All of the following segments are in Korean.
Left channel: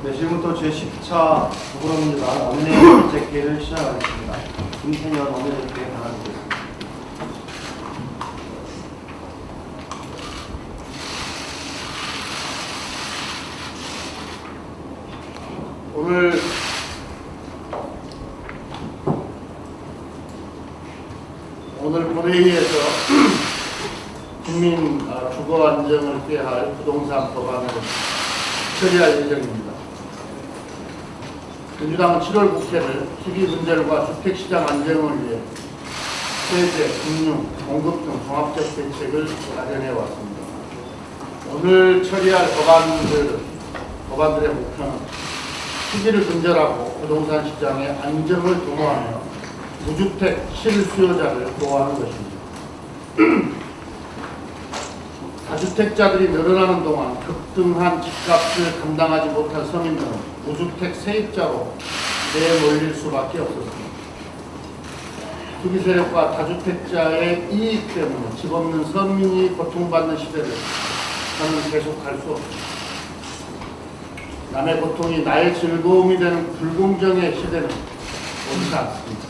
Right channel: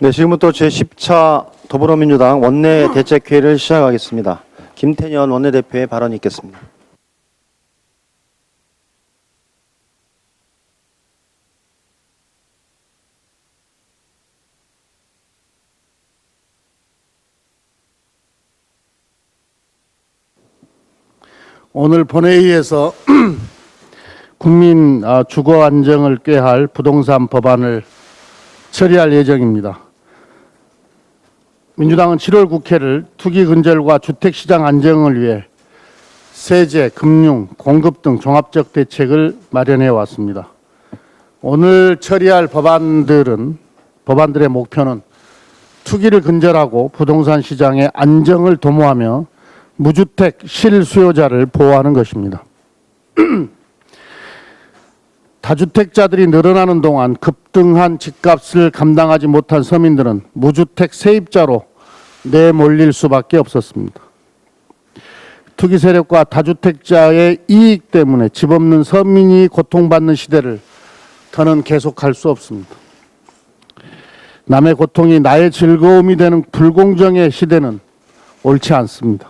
네, 지금부터 제10차 더불어민주당 원내대책회의를 시작하겠습니다. 김태년 원내대표의 발언이 있겠습니다. 오늘 본회의에서 국민 주거 안정을 꾀할 부동산 법안을 처리할 예정입니다. 민주당은 7월 국회를 투기 근절과 주택시장 안정을 위해 세제, 금융, 공급 등 종합적 대책을 마련해 왔습니다. 오늘 처리할 법안들의 목표는 투기를 근절하고 부동산 시장의 안정을 도모하며 무주택 실수요자를 보호하는 것입니다. 다주택자들이 늘어나는 동안 급등한 집값을 감당하지 못한 서민들은 무주택 세입자로 내몰릴 수밖에 없었습니다. 투기 세력과 다주택자의 이익 때문에 집 없는 서민이 고통받는 시대를 더는 계속할 수 없습니다. 남의 고통이 나의 즐거움이 되는 불공정의 시대는 옳지 않습니다.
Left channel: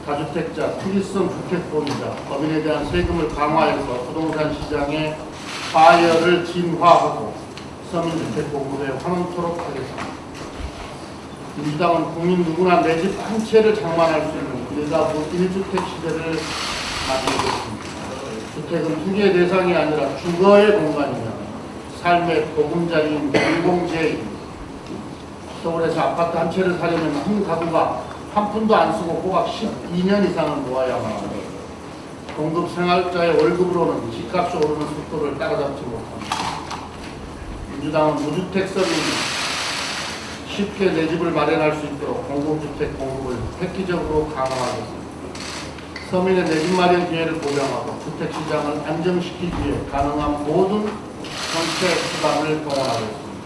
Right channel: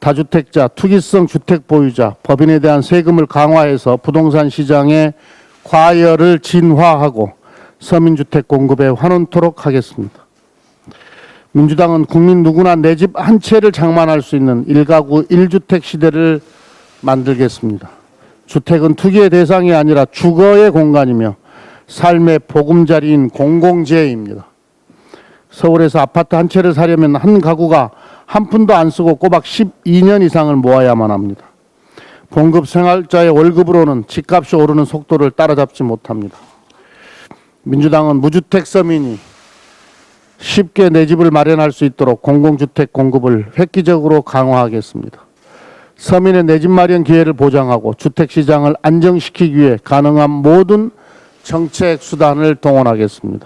다주택자, 투기성 주택 보유자, 법인에 대한 세금을 강화해서 부동산 시장의 과열을 진화하고 서민주택 공급에 환원토록 하겠습니다. 민주당은 국민 누구나 내 집 한 채를 장만할 수 있는 1가구 1주택 시대를 만들겠습니다. 주택은 투기의 대상이 아니라 주거의 공간이며 삶의 보금자리인 공공재입니다. 서울에서 아파트 한 채를 사려면 한 가구가 한 푼도 안 쓰고 꼬박 12년 이상을 모아야만 합니다. 공급 생활자의 월급으로는 집값이 오르는 속도를 따라잡지 못합니다. 민주당은 무주택 서민이 쉽게 내 집을 마련할 수 있도록 공공주택 공급을 획기적으로 강화하겠습니다. 서민의 내 집 마련 기회를 보장하고 주택시장을 안정시키기 위해 가능한 모든 정책 수단을 동원하겠습니다.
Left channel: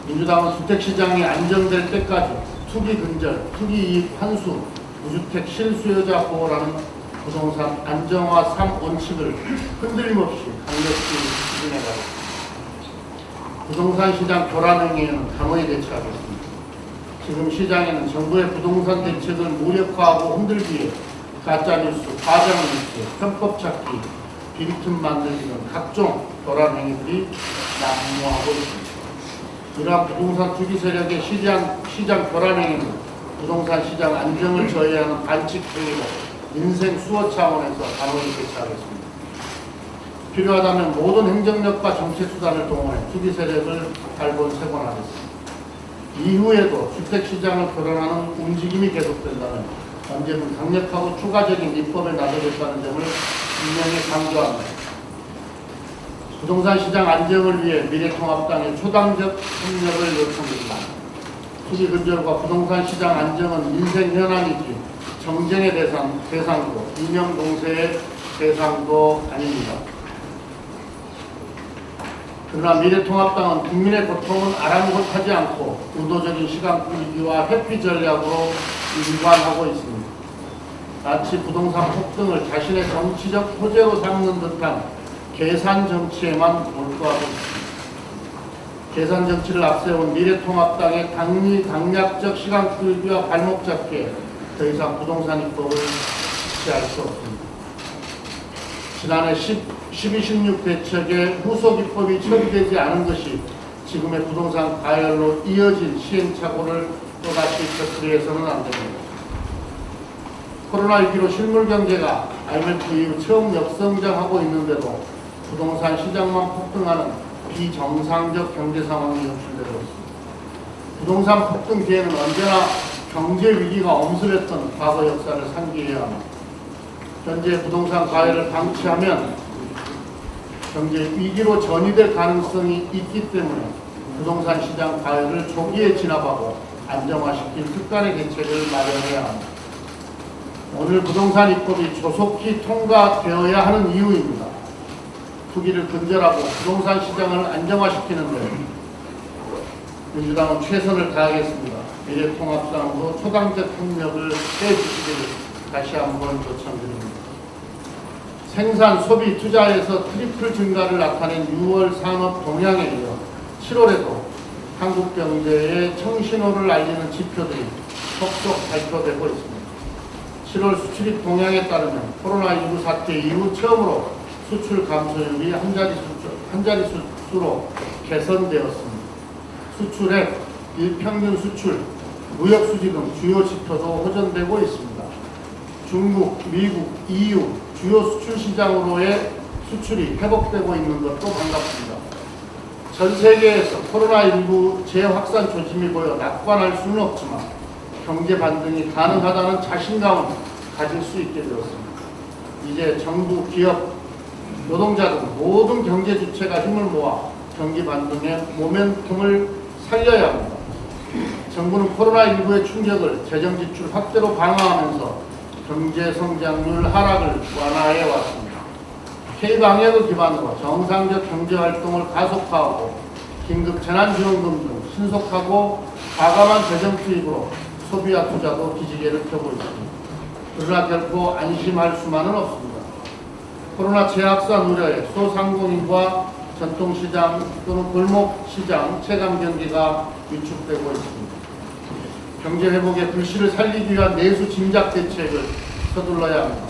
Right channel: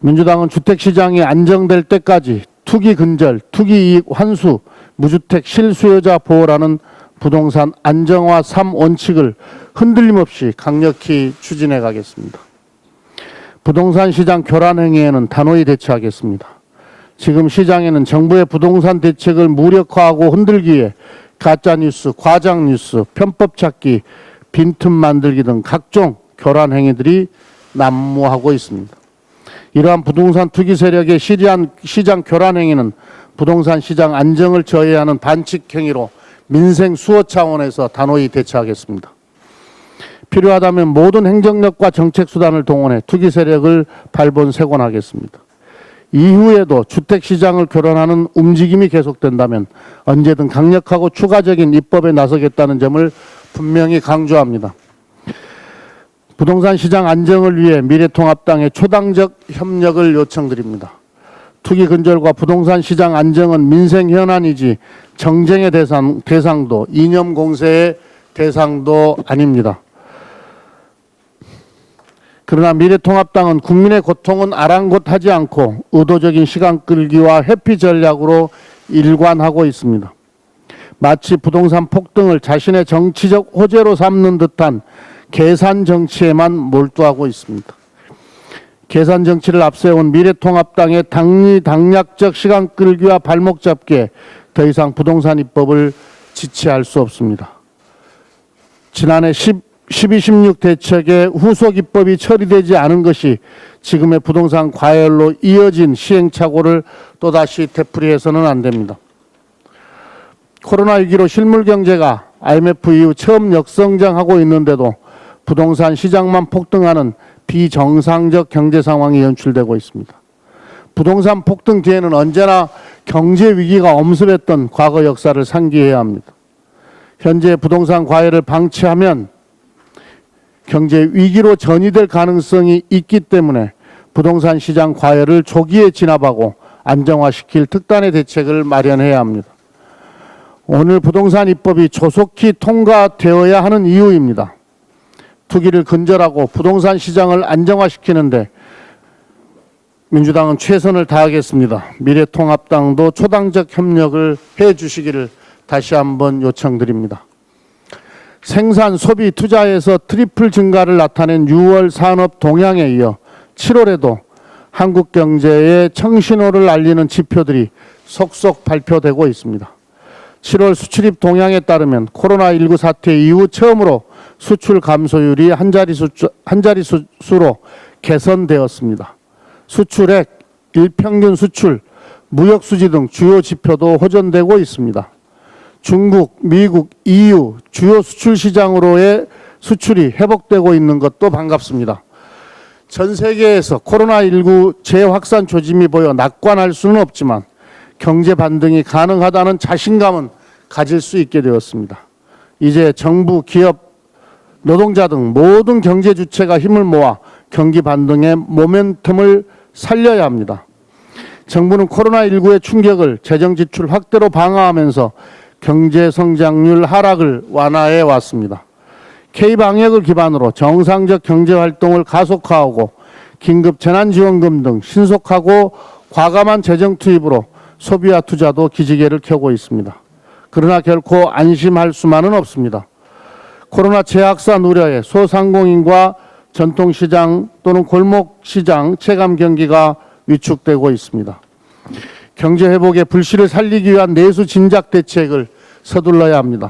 민주당은 주택시장이 안정될 때까지 투기 근절, 투기 이익 환수, 무주택 실수요자 보호라는 부동산 안정화 3원칙을 흔들림 없이 강력히 추진해 가겠습니다. 부동산 시장 교란 행위에는 단호히 대처하겠습니다. 지금 시장에는 정부의 부동산 대책을 무력화하고 흔들기 위해 가짜뉴스, 과장뉴스, 편법 찾기, 빈틈 만들기 등 각종 교란 행위들이 난무하고 있습니다. 이러한 부동산 투기 세력의 시장 교란 행위는 부동산 시장 안정을 저해하는 반칙 행위로 민생 수호 차원에서 단호히 대처하겠습니다. 필요하다면 모든 행정력과 정책 수단을 동원해 투기 세력을 발본색원하겠습니다. 이후에도 주택 시장을 교란하는 움직임이 계속된다면 언제든 강력하고 추가적인 입법에 나서겠다는 점을 분명히 강조합니다. 부동산 시장 안정을 위해 미래통합당의 초당적 협력을 요청드립니다. 투기 근절과 부동산 시장 안정은 민생 현안이지 정쟁의 대상도 이념 공세의 대상도 아닙니다. 그러나 미래통합당은 국민의 고통은 아랑곳하지 않고 의도적인 시간 끌기와 회피 전략으로 일관하고 있습니다. 마치 부동산 폭등을 자신의 정치적 호재로 삼는 듯한 계산 정치에만 몰두하고 있습니다. 계산 정치를 앞세운 미래통합당의 당리당략적 시간 끌기와 발목 잡기에 더 이상 부동산 입법을 지체할 수 없습니다. 지난해 12.16 대책의 후속 입법이 처리되지 않은 것이 지금의 부동산 과열로 이어진 시행착오를 또다시 되풀이해서는 안 됩니다. 코로나19로 실물 경제가 IMF 이후 처음 역성장하고 있는데도 부동산 시장만 폭등하는 비정상적 경제 상황이 연출되고 있습니다. 부동산 폭등 뒤에는 언제나 경제 위기가 엄습했던 과거 역사를 상기해야 합니다. 현재 부동산 과열을 방치하면 경제 위기로 전이될 가능성이 있기 때문에 부동산 시장 과열을 조기에 진압하고 안정화시킬 특단의 대책을 마련해야 합니다. 오늘 부동산 입법이 조속히 통과되어야 하는 이유입니다. 투기를 근절하고 부동산 시장을 안정화시키는데 민주당은 최선을 다하겠습니다. 미래통합당도 초당적 협력을 해주시기를 다시 한번 요청드립니다. 생산, 소비, 투자에서 트리플 증가를 나타낸 6월 산업 동향에 이어 7월에도 한국 경제의 청신호를 알리는 지표들이 속속 발표되고 있습니다. 7월 수출입 동향에 따르면 코로나19 사태 이후 처음으로 수출 감소율이 한 자릿수로 개선되었습니다. 수출액, 일평균 수출, 무역수지 등 주요 지표도 호전되고 있습니다. 중국, 미국, EU 주요 수출 시장으로의 수출이 회복되고 있는 것도 반갑습니다. 전 세계에서 코로나19 재확산 조짐이 보여 낙관할 수는 없지만 경제 반등이 가능하다는 자신감은 가질 수 있게 되었습니다. 이제 정부, 기업, 노동자 등 모든 경제 주체가 힘을 모아 경기 반등의 모멘텀을 살려야 합니다. 정부는 코로나19의 충격을 재정 지출 확대로 방어하면서 경제 성장률 하락을 완화해 왔습니다. K-방역을 기반으로 정상적 경제 활동을 가속화하고 긴급 재난지원금 등 신속하고 과감한 재정 투입으로 소비와 투자도 기지개를 켜고 있습니다. 그러나 결코 안심할 수만은 없습니다. 코로나 재확산 우려에 소상공인과 전통시장 또는 골목시장 체감 경기가 위축되고 있습니다. 경제 회복의 불씨를 살리기 위한 내수 진작 대책을 서둘러야 합니다.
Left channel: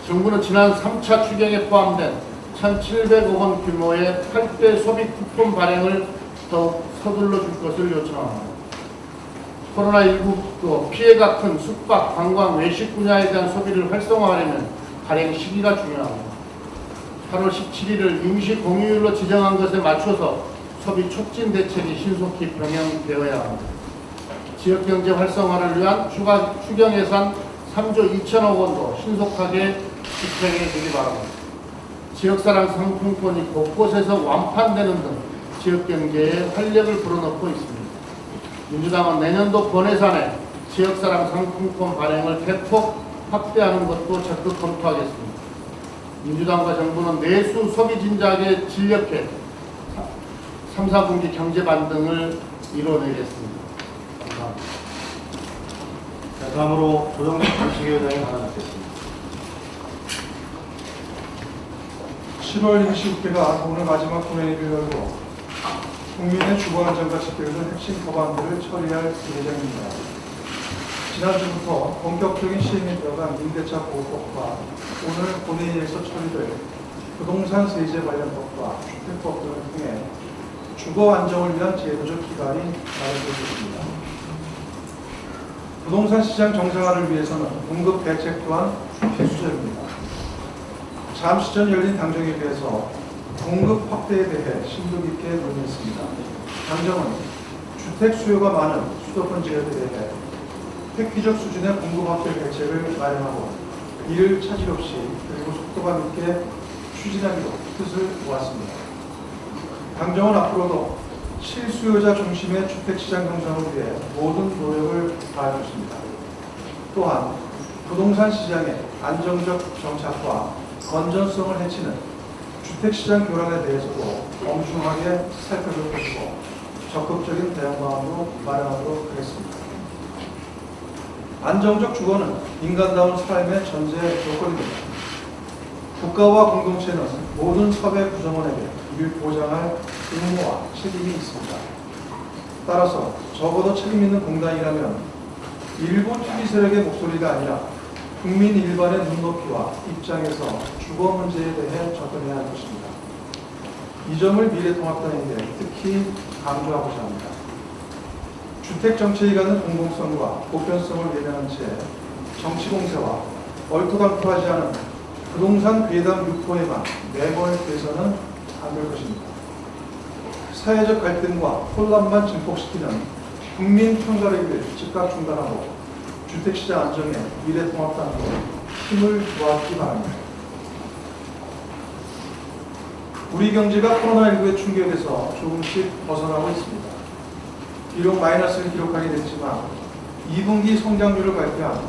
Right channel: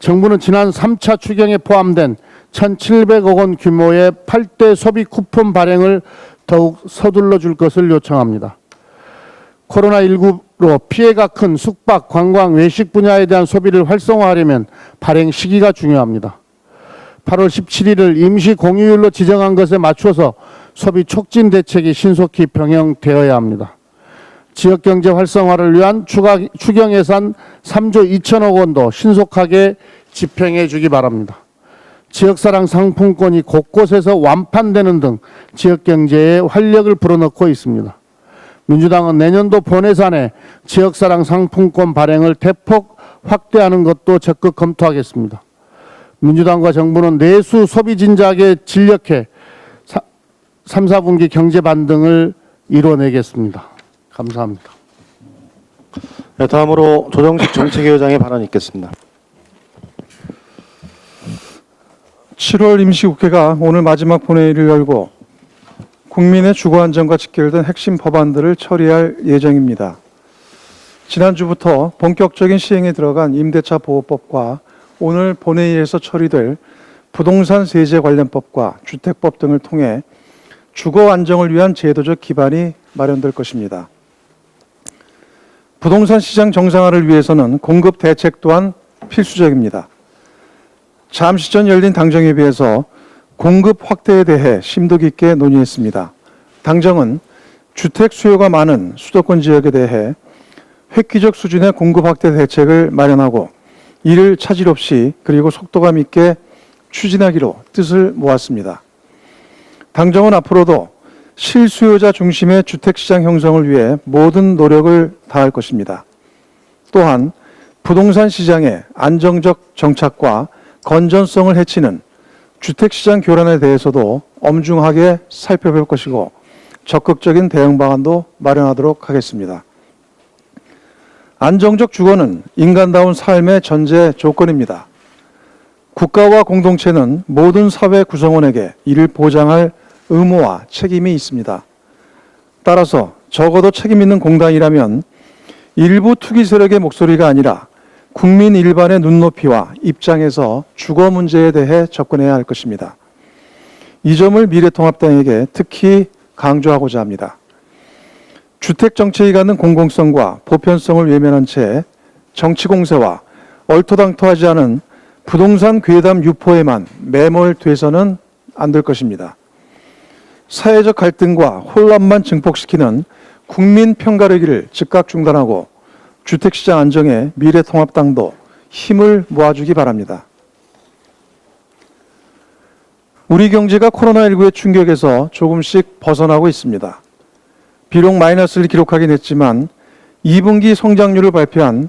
정부는 지난 3차 추경에 포함된 1,700억 원 규모의 8대 소비 쿠폰 발행을 더욱 서둘러 줄 것을 요청합니다. 코로나19로 피해가 큰 숙박, 관광, 외식 분야에 대한 소비를 활성화하려면 발행 시기가 중요합니다. 8월 17일을 임시 공휴일로 지정한 것에 맞춰서 소비 촉진 대책이 신속히 병행되어야 합니다. 지역경제 활성화를 위한 추경 예산 3조 2천억 원도 신속하게 집행해 주기 바랍니다. 지역사랑 상품권이 곳곳에서 완판되는 등 지역경제에 활력을 불어넣고 있습니다. 민주당은 내년도 본예산에 지역사랑 상품권 발행을 대폭 확대하는 것도 적극 검토하겠습니다. 민주당과 정부는 내수 소비 진작에 진력해 3, 4분기 경제 반등을 이뤄내겠습니다. 감사합니다. 네, 다음으로 조정식 정책위원장의 발언이 있겠습니다. 7월 임시국회가 오늘 마지막 본회의를 열고 국민의 주거 안정과 직결된 핵심 법안들을 처리할 예정입니다. 지난주부터 본격적인 시행에 들어간 임대차 보호법과 오늘 본회의에서 처리될 부동산 세제 관련법과 주택법 등을 통해 주거 안정을 위한 제도적 기반이 마련될 것입니다. 부동산 시장 정상화를 위해서는 공급 대책 또한 필수적입니다. 잠시 전 열린 당정에 비해서 공급 확대에 대해 심도 깊게 논의했습니다. 당정은 주택 수요가 많은 수도권 지역에 대해 획기적 수준의 공급 확대 대책을 마련하고 이를 차질 없이 그리고 속도감 있게 추진하기로 뜻을 모았습니다. 당정은 앞으로도 실수요자 중심의 주택시장 형성을 위해 모든 노력을 다할 것입니다. 또한 부동산 시장의 안정적 정착과 건전성을 해치는 주택시장 교란에 대해서도 엄중하게 살펴볼 것이고 적극적인 대응 방안도 마련하도록 하겠습니다. 안정적 주거는 인간다운 삶의 전제 조건입니다. 국가와 공동체는 모든 사회 구성원에게 이를 보장할 의무와 책임이 있습니다. 따라서 적어도 책임 있는 공단이라면 일부 투기 세력의 목소리가 아니라 국민 일반의 눈높이와 입장에서 주거 문제에 대해 접근해야 할 것입니다. 이 점을 미래통합당에게 특히 강조하고자 합니다. 주택정책이 갖는 공공성과 보편성을 외면한 채 정치 공세와 얼토당토하지 않은 부동산 괴담 유포에만 매몰돼서는 안 될 것입니다. 사회적 갈등과 혼란만 증폭시키는 국민 편가르기를 즉각 중단하고 주택시장 안정에 미래통합당도 힘을 모아주기 바랍니다. 우리 경제가 코로나19의 충격에서 조금씩 벗어나고 있습니다. 비록 마이너스를 기록하긴 했지만 2분기 성장률을 발표한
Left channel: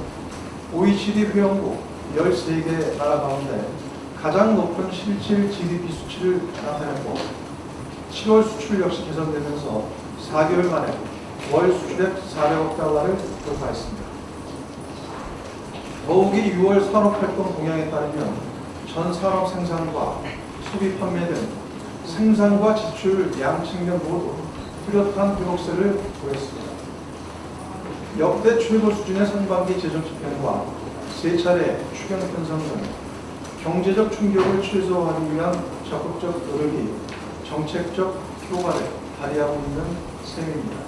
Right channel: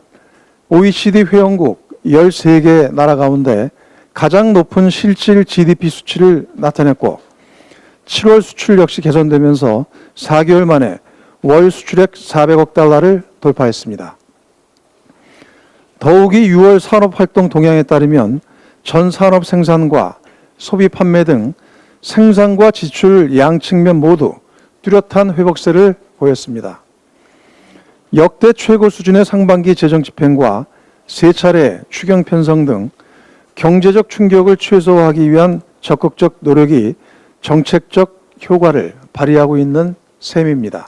OECD 회원국 13개 나라 가운데 가장 높은 실질 GDP 수치를 나타냈고 7월 수출 역시 개선되면서 4개월 만에 월 수출액 400억 달러를 돌파했습니다. 더욱이 6월 산업활동 동향에 따르면 전 산업 생산과 소비 판매 등 생산과 지출 양 측면 모두 뚜렷한 회복세를 보였습니다. 역대 최고 수준의 상반기 재정 집행과 세 차례 추경 편성 등 경제적 충격을 최소화하기 위한 적극적 노력이 정책적 효과를 발휘하고 있는 셈입니다.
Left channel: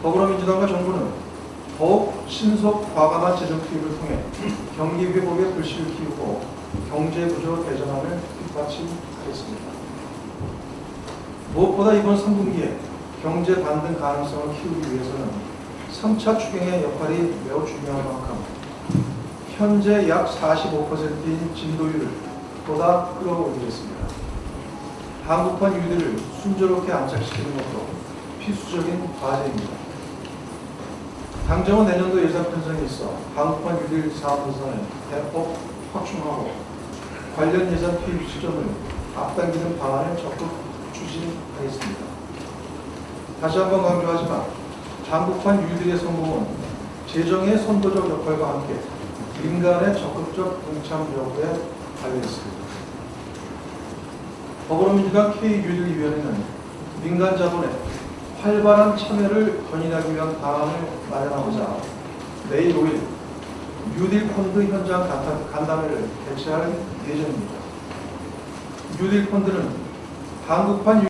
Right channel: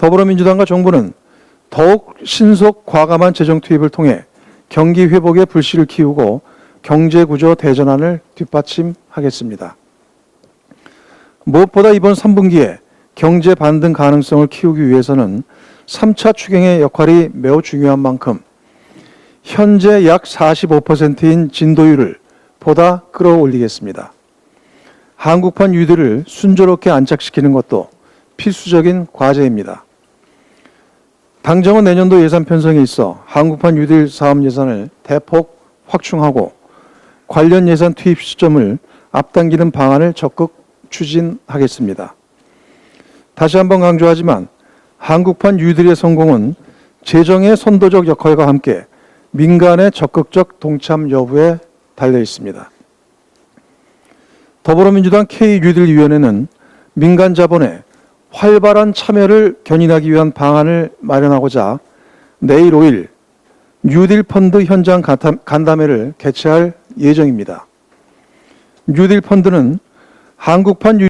더불어민주당과 정부는 더욱 신속 과감한 재정 투입을 통해 경기 회복의 불씨를 키우고 경제구조 대전환을 뒷받침하겠습니다. 무엇보다 이번 3분기에 경제 반등 가능성을 키우기 위해서는 3차 추경의 역할이 매우 중요한 만큼 현재 약 45%인 진도율을 보다 끌어올리겠습니다. 한국판 유들을 순조롭게 안착시키는 것도 필수적인 과제입니다. 당정은 내년도 예산 편성에 있어 한국판 유들 사업 예산을 대폭 확충하고 관련 예산 투입 시점을 앞당기는 방안을 적극 추진하겠습니다. 다시 한번 강조하지만 한국판 유들의 성공은 재정의 선도적 역할과 함께 민간의 적극적 동참 여부에 달려 있습니다. 더불어민주당 K뉴딜위원회는 민간 자본의 활발한 참여를 견인하기 위한 방안을 마련하고자 내일 5일 뉴딜 펀드 현장 간담회를 개최할 예정입니다. 뉴딜 펀드는 한국판